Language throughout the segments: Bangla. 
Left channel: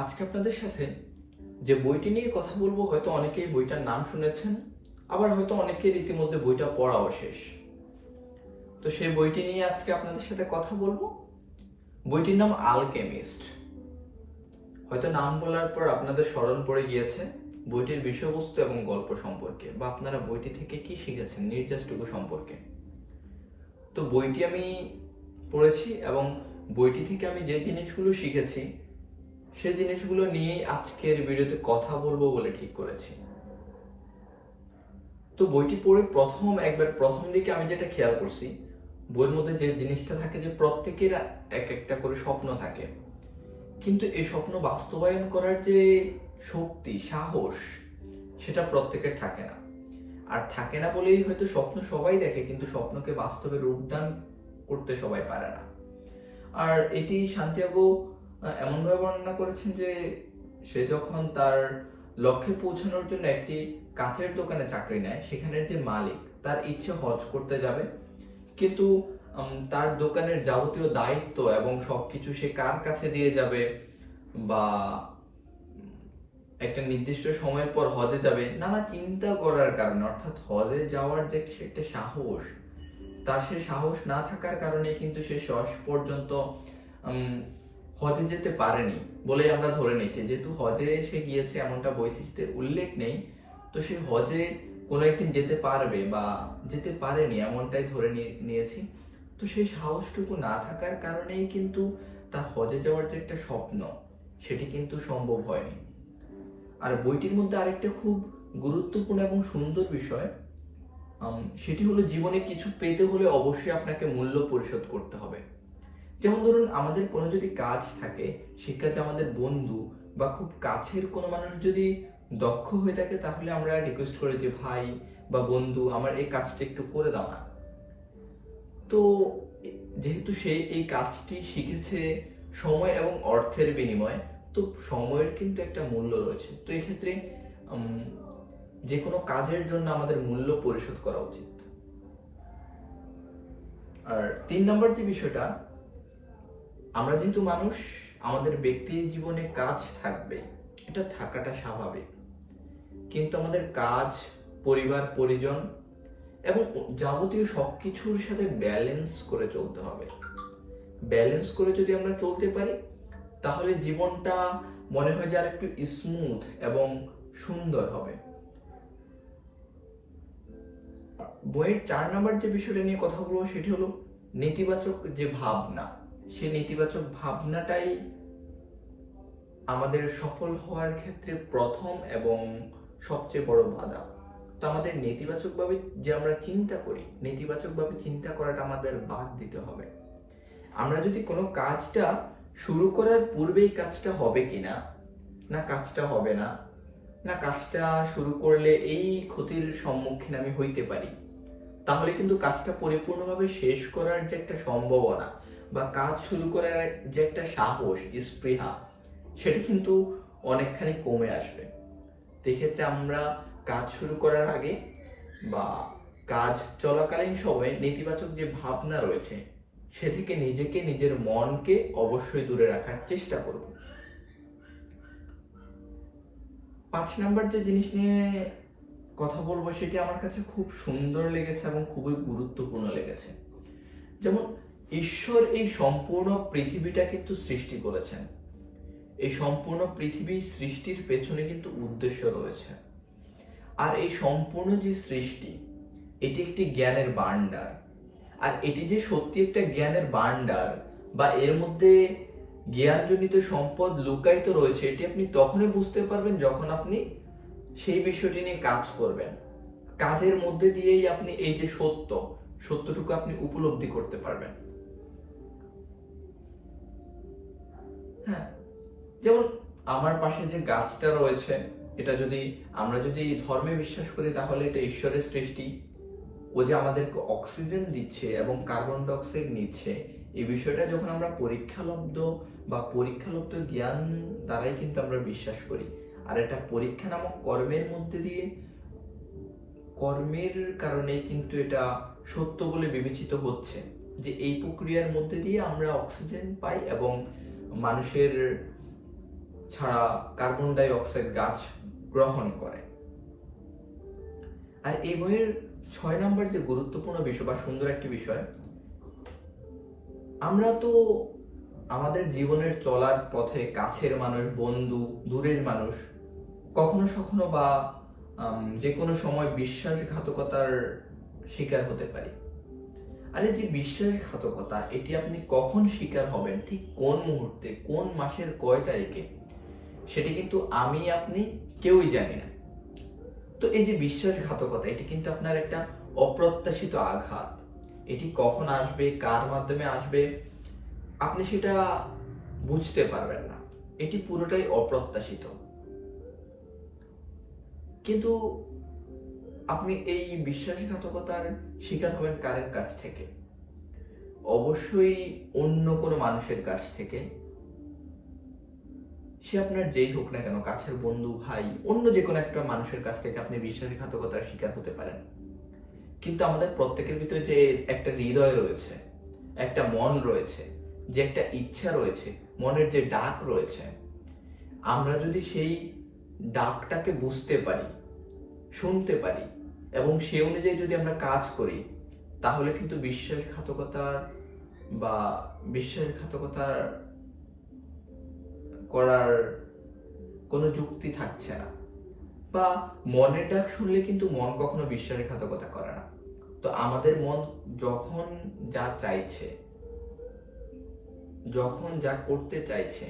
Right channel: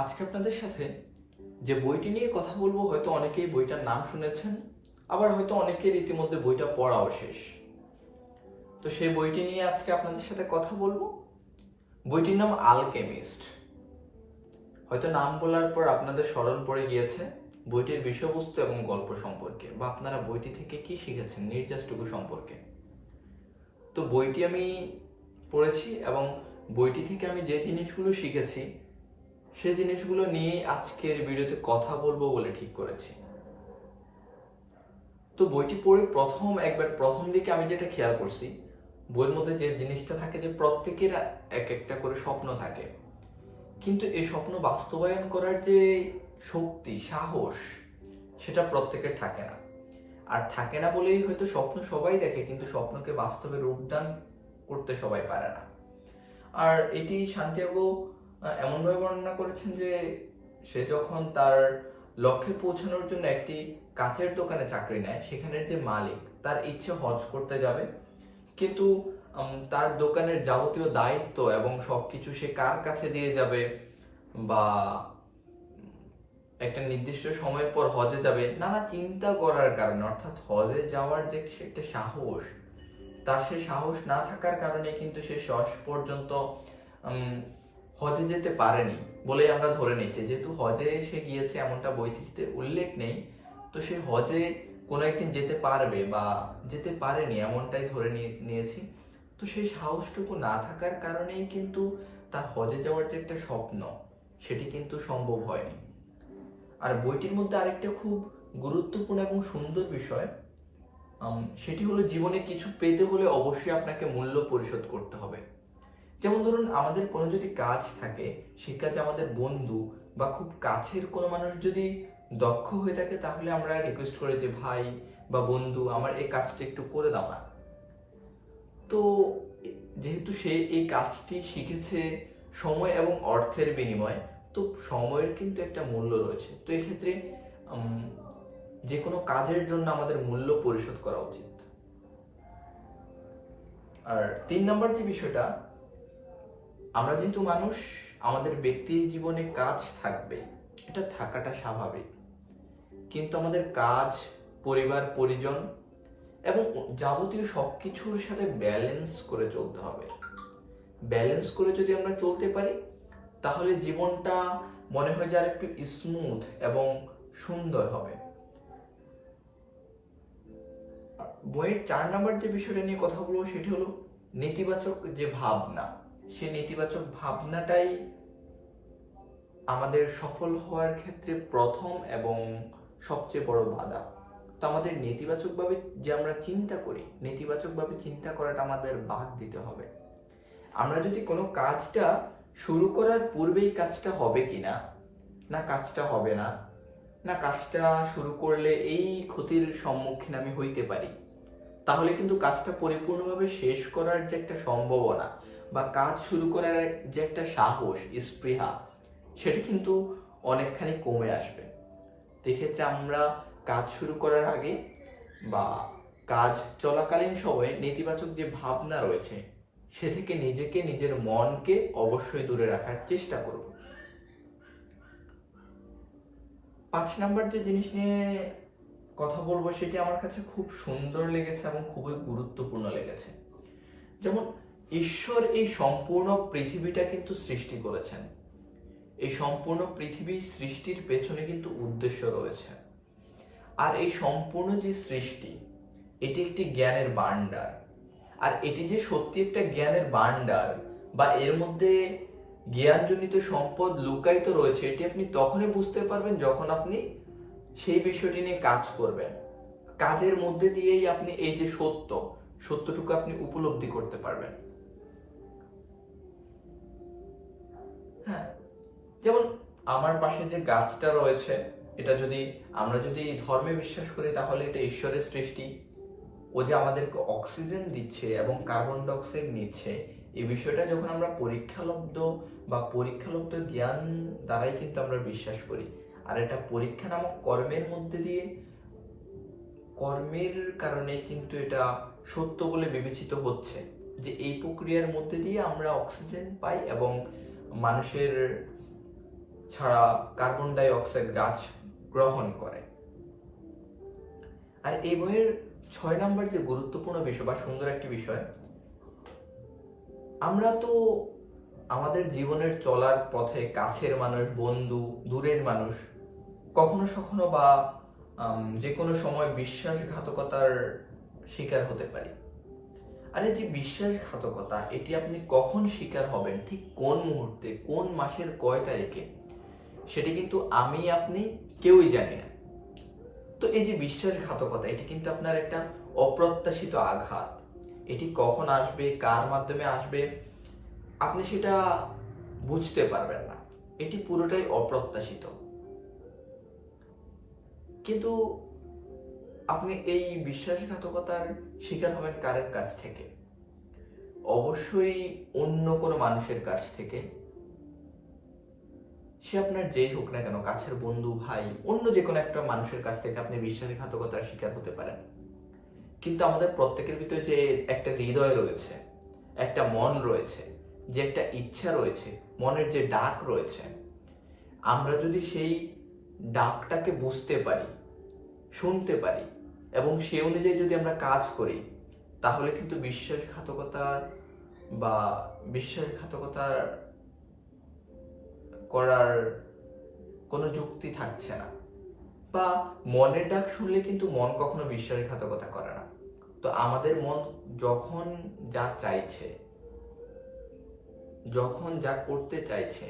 আজকে আপনাদের সাথে যে বইটি নিয়ে কথা বলবো, হয়তো অনেকেই বইটার নাম শুনেছেন, আবার হয়তো অনেকের ইতিমধ্যে বইটা পড়াও শেষ। তো সেই বইটি নিয়ে আজকে আপনাদের সাথে কথা বলবো। বইটির নাম আলকেমিস্ট। হয়তো নাম বলার পর আপনাদের স্মরণ পড়ে গিয়েছে বইটির বিষয়বস্তু এবং গল্প সম্পর্কে, বা আপনারা বইটি থেকে কি শিখেছেন নির্যাসটুকু সম্পর্কে। তো বইটি আমি পড়েছি এবং বইটি থেকে আমি যে জিনিসগুলো শিখেছি সেই জিনিসগুলো নিয়ে আজকের ভিডিওতে কথা বলবো বলে ঠিক করেছি। তো বইটি পড়ে প্রথম দিকে আমি যেটা খেয়াল করছি, বইয়ের মধ্যে যে জিনিসটা থাকে যে প্রত্যেকের এক একটা করে স্বপ্ন থাকে, কিন্তু এই স্বপ্ন বাস্তবায়ন করার যে শক্তি, সাহস, সেটা প্রত্যেকের থাকে না। আর থাকে না বলেই হয়তো স্বপ্ন সবাই দেখে, কিন্তু স্বপ্নকে বাস্তবে রূপদান করতে সবাই পারে না। আর এটি সান্তিয়াগো এমনভাবে বর্ণনা করেছেন যে সে যখন তার লক্ষ্যে পৌঁছানোর জন্য একটি কাচের দোকানে চাকরি নেয়, সেখানের যে মালিক তার ইচ্ছে হজ করতে যাবে, কিন্তু তার দোকানের যাবতীয় দায়িত্ব এবং সবকিছু সে কার কাছে দিয়ে যাবে, বা একটা নির্দিষ্ট সময়ের পর হজে যাবে, নানা চিন্তা করার কারণে, অর্থাৎ হজে যাওয়ার যে একটা সাহস, তার সে সাহস না থাকার কারণে কিন্তু সে শেষ পর্যন্ত হজে যেতে পারেনি বলে আমরা ধরে নিচ্ছি। যেহেতু হজে সে গিয়েছে এমনটা বইটিতে উল্লেখ নেই, তো সে হজে কোনো একদিন যেতে পারবে বা যেতে পারেনি এমনটাই ধরে নিয়েছি। তো সেই সাহসটুকু না থাকার কারণেই কিন্তু তার হজে যাওয়ার যে একটা স্বপ্ন, সেটি কিন্তু সম্ভব হয়নি। আর বইটির মধ্যে আরেকটা খুব গুরুত্বপূর্ণ এবং সুন্দর বিষয়, সেটি হলো জীবনে কিছু পেতে হলে অবশ্যই আপনাকে মূল্য পরিশোধ করতে হবে। যেমন ধরুন, আমাদের কোনো যদি কাজ থাকে, সেই কাজে আমাদের বন্ধু বা খুব কাছের কোনো মানুষ যদি দক্ষ হয়ে থাকে, তাহলে আমরা রিকোয়েস্ট করি যে ভাই বা বন্ধু, আমার এই কাজটা একটু করে দাও না। তো যেহেতু সে এই কাজটি শিখেছে সময় এবং অর্থের বিনিময়ে, তো সময়ের কিন্তু একটা মূল্য রয়েছে। তো এক্ষেত্রে যে কোনো কাজের জন্য আমাদের মূল্য পরিশোধ করা উচিত। আর 3 নম্বর যে বিষয়টা, আমরা যেহেতু মানুষ, আমাদের ব্যক্তির জীবনে কাজ থাকবে, এটা থাকাটা স্বাভাবিক, কিন্তু আমাদের কাজ, পরিবার, পরিজন এবং যাবতীয় সবকিছুর সাথে ব্যালেন্স করে চলতে হবে। ব্যালেন্স করে যদি আমরা চলতে পারি, তাহলে জীবনটা মনে হয় যে আর একটু স্মুথ এবং সুন্দর হবে। বইয়ের 4 নম্বর যে বিষয়টা নিয়ে কথা বলবো, সেটি হলো নেতিবাচক যে ভাবনা। সেই নেতিবাচক ভাবনাটাই আমাদের সফল হওয়ার ক্ষেত্রে প্রথম এবং সবচেয়ে বড় বাধা। তো আমাদের নেতিবাচকভাবে যে আমরা চিন্তা করি, নেতিবাচকভাবে চিন্তা করাটা আমাদের বাদ দিতে হবে। আমরা যদি কোনো কাজটা শুরু করার পূর্বেই কাজটা হবে কিনা, না কাজটা হবে না, না কাজটা শুরু করলে এই ক্ষতির সম্মুখীন আমি হইতে পারি, তাহলে কিন্তু কাজটা পরিপূর্ণভাবে শেষ করার যে একটা সম্ভাবনা বা কাজ শুরু করার যে একটা সাহস, স্পৃহা, সেটা কিন্তু অনেকখানি কমে আসবে। তো এক্ষেত্রে আমরা কাজ শুরু করার আগে বা কাজ চলাকালীন সময়ে নেতিবাচক যে ভাবনা রয়েছে, সে থেকে নিজেকে, নিজের মনকে অবশ্যই দূরে রাখার চেষ্টা করব। 5 নাম্বার যে জিনিস নিয়ে কথা বলবো, সেটি আমার কাছে খুব সুন্দর লেগেছে এবং খুবই গুরুত্বপূর্ণ লেগেছে। যেমন ঈশ্বর এই সম্পূর্ণ পৃথিবীটা কিন্তু সৃষ্টি করেছেন। এই সম্পূর্ণ পৃথিবী সৃষ্টির পেছনে কিন্তু উদ্দেশ্য রয়েছে। আর এই সম্পূর্ণ যে সৃষ্টি, এটি একটি জ্ঞানের ভান্ডার। আর এটি যে সত্যি একটা জ্ঞানের ভান্ডার বা এর মধ্যে জ্ঞানজনিত সম্পদ লুকায়িত রয়েছে, এটি আপনি তখনই বুঝতে পারবেন যখন আপনি সেই বিষয়টি নিয়ে কাজ করবেন। কাজের মধ্যে দিয়েই আপনি এই যে সত্যটুকু আপনি উপলব্ধি করতে পারবেন। হ্যাঁ, যেমন আমার পাশে যে গাছটা রয়েছে, এটা যদি আমরা যদি ধর্মে বিশ্বাস করি, তাহলে এটা ঈশ্বরের সৃষ্টি। ও যে আমাদেরকে অক্সিজেন দিচ্ছে এবং কার্বন ডাই অক্সাইড নিচ্ছে, এই বিষয়টা যখন আমরা পরীক্ষালব্ধ জ্ঞান দ্বারাই কিন্তু আমরা বিশ্বাস করি। আর এটা পরীক্ষা নামক কর্মের কারণেই কিন্তু এটা সত্য বলে বিবেচিত হচ্ছে, যে এই প্রক্রিয়ার মধ্যে দিয়ে আমরা অক্সিজেন পাই এবং মানুষের ছাড়া কার্বন ডাই অক্সাইড গাছ গ্রহণ করে। আর এই বইয়ের 6 নম্বর যে গুরুত্বপূর্ণ বিষয় বা সুন্দর একটি বিষয়, আমরা তো আমাদের জীবনের চলার পথে কাছের মানুষ, বন্ধু, দূরের মানুষ কখনো সখনো বা যে কোনো সময় বিশ্বাসঘাতকতার শিকার হতে পারি। আর এই যে বিশ্বাসঘাতকতা, এটি আপনি কখন শিকার হবেন, ঠিক কোন মুহূর্তে, কোন মাসের কয় তারিখে, সেটি কিন্তু আমি আপনি কেউই জানি না। তো এই যে বিশ্বাসঘাতকতা, এটি কিন্তু আপনার একটা অপ্রত্যাশিত আঘাত। এটি কখন আসবে, কার মাধ্যমে আসবে, আপনি সেটা বুঝতে পারবেন না। এটি পুরোটাই অপ্রত্যাশিত। কিন্তু আপনি এই বিশ্বাসঘাতকতার শিকার হবেন কারের কাছ থেকে? অবশ্যই অন্য কোনো মানুষের কাছ থেকে। সে আপনার যেই হোক না কেন, কাছের বন্ধু, ভাই, অন্য যে কোনো একটা মানুষের কাছ থেকে আপনি বিশ্বাসঘাতকতার শিকার হতে পারেন। কিন্তু আমাদের প্রত্যেকের ভিতরে যে একটা হৃদয় রয়েছে, একটা মন রয়েছে, যে একটা ইচ্ছা রয়েছে, মনের যে ডাক রয়েছে, আমরা যদি সেই ডাকটাকে বুঝতে পারি, শুনতে পারি এবং সে অনুযায়ী যদি আমরা কাজ করি, তাহলে কিন্তু বিশ্বাসঘাতকতার করার কোনো যুক্তি থাকছে না। বা মনের ডাক শুনলে কিন্তু মন কখনো বিশ্বাসঘাতকতা করে না। তো আমাদের মন যখন যা চাইছে, যখন যা করতে চাইছে,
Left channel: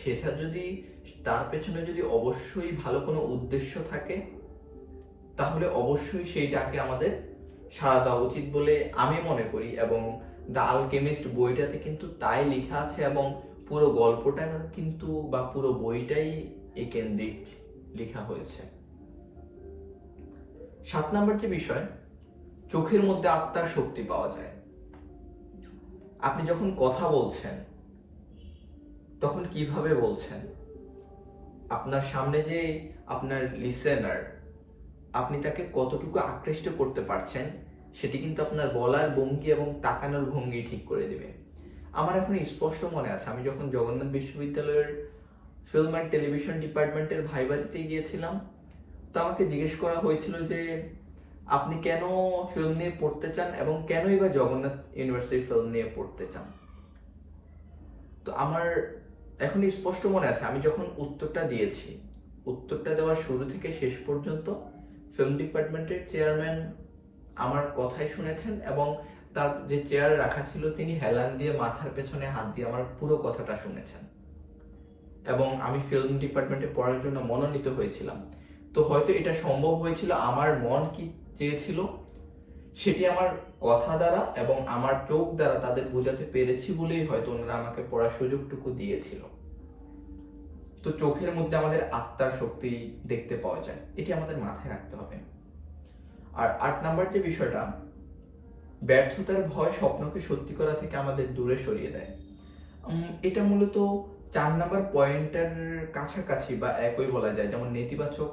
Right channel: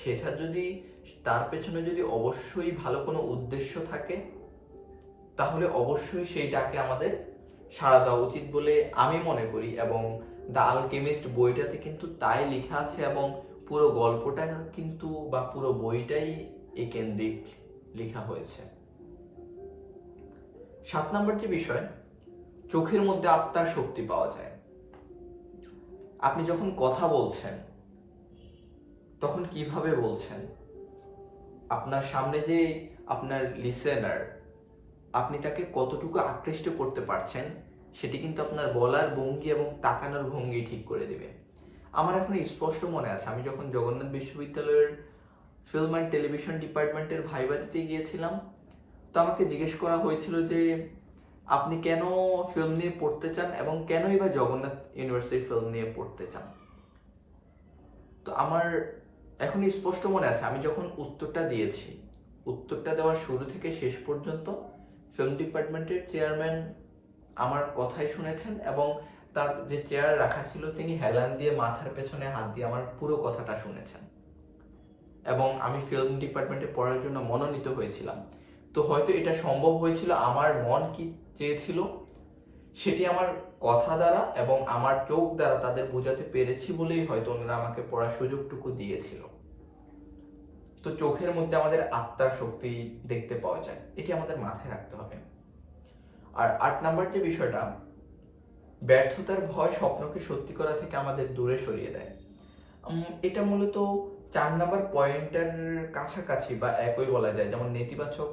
সেটা যদি, তার পেছনে যদি অবশ্যই ভালো কোনো উদ্দেশ্য থাকে, তাহলে অবশ্যই সেই ডাকে আমাদের সাড়া দেওয়া উচিত বলে আমি মনে করি। এবং দ্য আলকেমিস্ট বইটাতে কিন্তু তাই লেখা আছে, এবং পুরো গল্পটা কিন্তু বা পুরো বইটাই এই কেন্দ্রিক লেখা হয়েছে। 7 নম্বর যে বিষয়, চোখের মধ্যে আত্মার শক্তি পাওয়া যায়। আপনি যখন কথা বলছেন তখন কিভাবে বলছেন, আপনার সামনে যে আপনার লিসেনার, আপনি তাকে কতটুকু আকৃষ্ট করতে পারছেন, সেটি কিন্তু আপনার বলার ভঙ্গি এবং তাকানোর ভঙ্গি ঠিক করে দিবে। আমার এখন স্পষ্ট মনে আছে, আমি যখন জগন্নাথ বিশ্ববিদ্যালয়ের ফিল্ম অ্যান্ড টেলিভিশন ডিপার্টমেন্টের ভাইবা দিতে গিয়েছিলাম, তো আমাকে জিজ্ঞেস করা হয়েছিল যে আপনি কেন ফিল্ম নিয়ে পড়তে চান এবং কেনই বা জগন্নাথ ইউনিভার্সিটি ফিল্ম নিয়ে পড়তে চান। তো আমার এখন স্পষ্ট মনে আছে, আমি যখন উত্তরটা দিয়েছি, উত্তরটা দেওয়ার শুরু থেকে শেষ পর্যন্ত ফিল্ম ডিপার্টমেন্টের চেয়ারম্যান আমার কথাই শুনেছেন, এবং তার যে চেয়ার রাখা ছিল তিনি হেলান দিয়ে মাথার পেছনে হাত দিয়ে আমার পুরো কথাটা শুনেছেন। এবং আমি ফিল্ম ডিপার্টমেন্টে পড়ার জন্য মনোনীত হয়েছিলাম। তো হয়তো এটা সম্ভব হয়েছিল, আমার মন কি চেয়েছিল সেটি আমার কথা দ্বারা এবং আমার চোখ দ্বারা তাদের বোঝাতে পেরেছি বলেই হয়তো ওনারা আমাকে পড়ার সুযোগটুকু দিয়েছিল। তো চোখের মধ্যে আমাদের আত্মার শক্তি দেখতে পাওয়া যায়, এটি আমাদের মাথায় রাখতে হবে। আর 8 নাম্বার যে বিষয়টা, ব্যর্থতার ভয় স্বপ্নকে সত্যি করা থেকে আমাদের দূরে সরিয়ে দেয়। এটা মূলত 4 নাম্বার পয়েন্টের কাছাকাছি বা একই বলা যায়। যেমন নেতিবাচক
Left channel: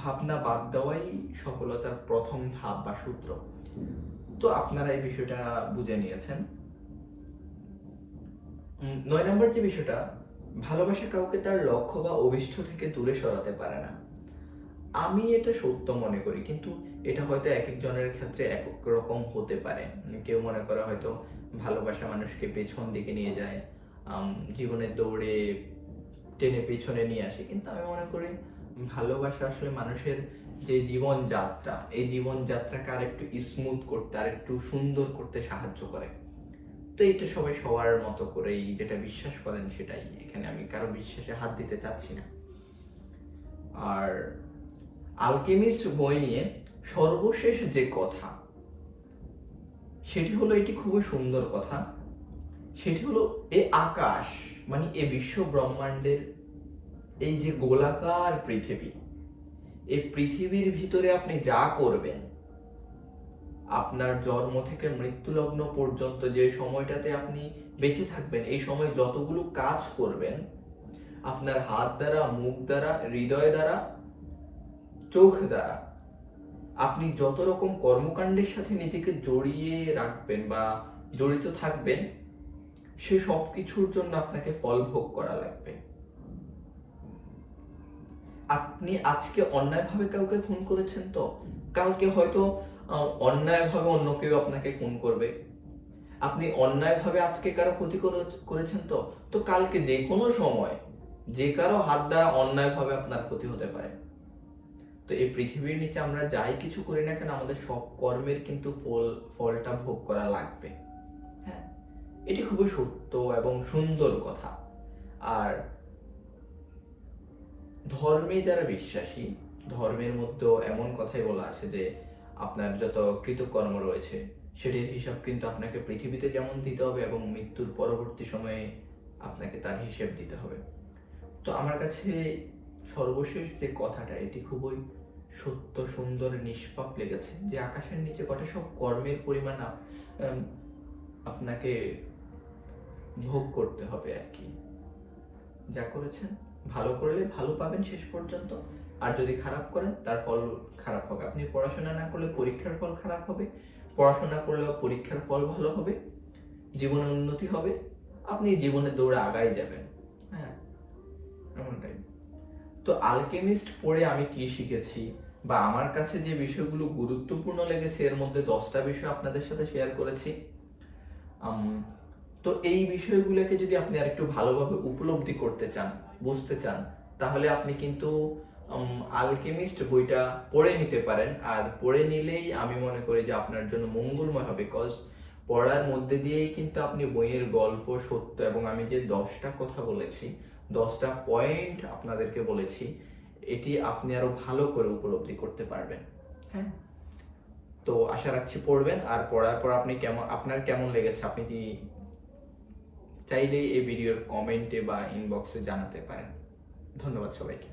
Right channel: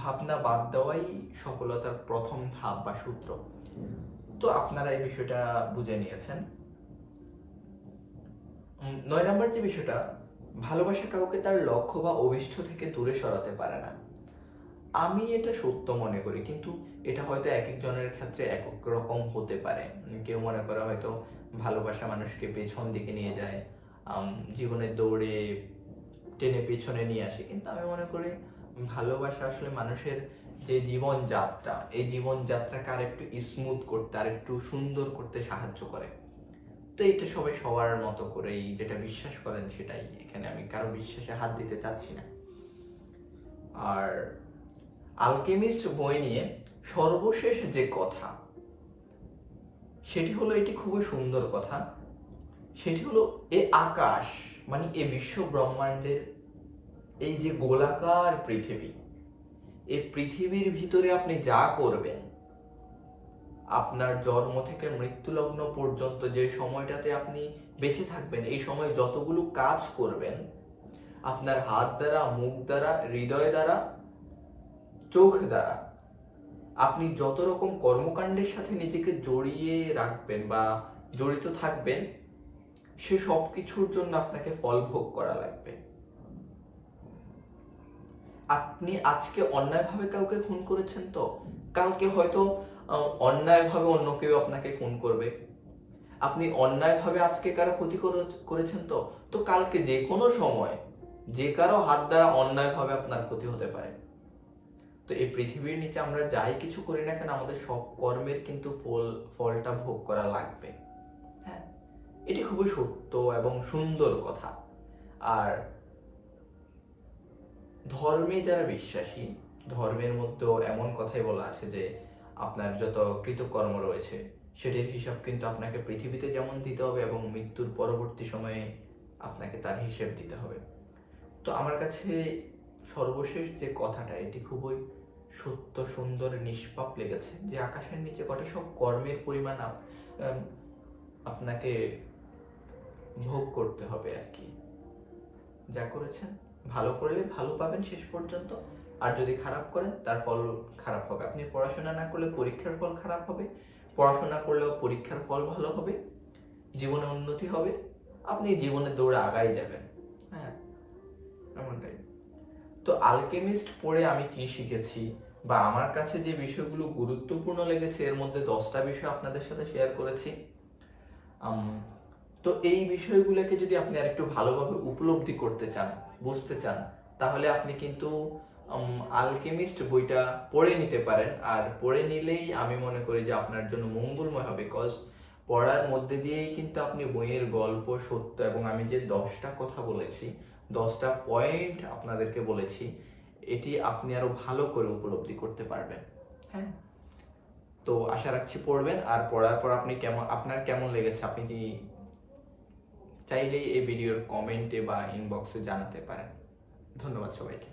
ভাবনা বাদ দেওয়াই সফলতার প্রথম ধাপ বা সূত্র। তো আপনারা এই বিষয়টা বুঝে নিয়েছেন। 9 নাম্বার যে বিষয়টা, ভালোবাসা কাউকে তার লক্ষ্য বা অভিষ্ট থেকে দূরে সরাতে পারে না। আমি এটা সত্য মনে করি, কিন্তু এটা হয়তো এক একজনের ক্ষেত্রে এক এক রকম হতে পারে। কেউ মনে করে হয়তো ভালোবাসা মানুষকে পেছন দিকে নিয়ে যায়, জীবনের দৌড়ে টেনে পেছনে নিয়ে আসে। কিন্তু আমি মনে করি ভালোবাসা আসলে মানুষের যে জীবনযাত্রা, এই জীবনযাত্রাকে আর একটু স্মুথ করতে, আর একটু সুন্দর করতে সাহায্য করে। তো এটা সবাই সবার মতো করেই যেটা বিশ্বাস করেন সেটাই, এখানে আমি কারো বিশ্বাসে হাত দিতে চাচ্ছি না। আর আলকেমিস্ট বই নিয়ে সর্বশেষ যে কথা, সেটি হলো, এটি খুবই সুন্দর কথা। সেটি হলো, এই আকাশ মানে এই বিশ্ব ব্রহ্মাণ্ডের এই যে গোলাকার পৃথিবী, এই পৃথিবীর ভিতরে আপনি যা করবেন, আপনার জন্ম থেকে মৃত্যু লগ্ন পর্যন্ত যে সময়টাতে আপনি বেঁচে থাকবেন, এই সময় যতগুলো কাজ করবেন, আপনার হাত দ্বারা, মুখ দ্বারা, হৃদয় দ্বারা, চোখ দ্বারা, আপনি যত রকম কর্মকাণ্ডের সাথে নিজেকে জড়িয়ে রাখবেন বা জড়িত থাকবেন, সে সব কিছুর জন্য আপনাকে ফল ভোগ করা লাগবে। আপনি আজকে অন্যায়ভাবে কাউকে খুন করেছেন, তো কালকে হয়তো অন্যায়ভাবে অন্য কেউ আপনাকে খুন করবে। আপনি অন্যায়ভাবে আজকে কারো ক্ষতি করেছেন, তো তো কালকে যে কোনো সময় যে কারো হাত দ্বারা অন্যায়ভাবে আপনার ক্ষতি হতে পারে। তো এই পৃথিবীর নিচে আমরা যাই কিছু করি না কেন, আমাদের সব কর্মের কিন্তু ফলটা ভোগ করা লাগবে। হ্যাঁ, এটি খুবই সত্য এবং সুন্দর কথা। আর ধর্মে যারা বিশ্বাসী, ধর্মের মধ্যেও এমন কথাই বলা আছে যে আপনার যত কৃতকর্ম রয়েছে সেটির হিসাব কিন্তু আপনাকে পৃথিবীতে যেমন দিতে হবে এবং মৃত্যুর পরবর্তী সময়ে আপনাকে তার হিসেব দিতে হবে। তো আমার কাছে সর্বশেষ যে কথাটা, এটি খুবই সত্য, সুন্দর, নিষ্পাপ লেগেছে যে আকাশের নিচে কটা সব কর্মের পরিমাণ আপনাকে ভোগ করতে হবে আর কি। যা করেছেন ভালো করলে ভালো পাবেন শেষ পর্যন্ত, আর যদি খারাপ করেন তার ফল খারাপ হবে। আপনি পড়াশোনা না করলে পরীক্ষার ফল খারাপ হবে, পড়াশোনা করলেও পরীক্ষার ফল ভালো হবে, জীবনে উন্নতি হবে, আপনি জীবনে দৌড়ে আগাই যাবেন। হ্যাঁ, এমনটাই। তো আলকেমিস্ট পড়ে আমি কি শিখেছি বা আমার কাছে যে বিষয়গুলো গুরুত্বপূর্ণ লেগেছে, এর মধ্যে 10টা বিষয় আপনাদের সাথে শেয়ার করেছি। তো এই বিষয়গুলোকে যদি আপনি আরেকটু ভালোভাবে উপলব্ধি করতে চান, বুঝতে চান, তাহলে আপনি কিন্তু আলকেমিস্ট বইটা পড়ে নিতে পারেন। আর পড়ে নিলেই আমি মনে করি যে আপনার জন্য মঙ্গলময় হবে, বিকজ পড়ার মধ্যে দিয়েই কিন্তু আপনি বইয়ের গল্প, সত্য এবং আমি যে 10টা কথা বলেছি, 10টা পয়েন্ট আপনাদেরকে বলেছি, এটি আপনি আরো ভালো করে উপলব্ধি করতে পারবেন। হ্যাঁ, তো আশা রাখছি পড়বেন। আর পড়ার পর আপনার কেমন লেগেছে আপনি কি চাইলেই এই ভিডিওর কমেন্টে বা ইনবক্সে জানাতে পারেন। ধন্যবাদ সবাইকে।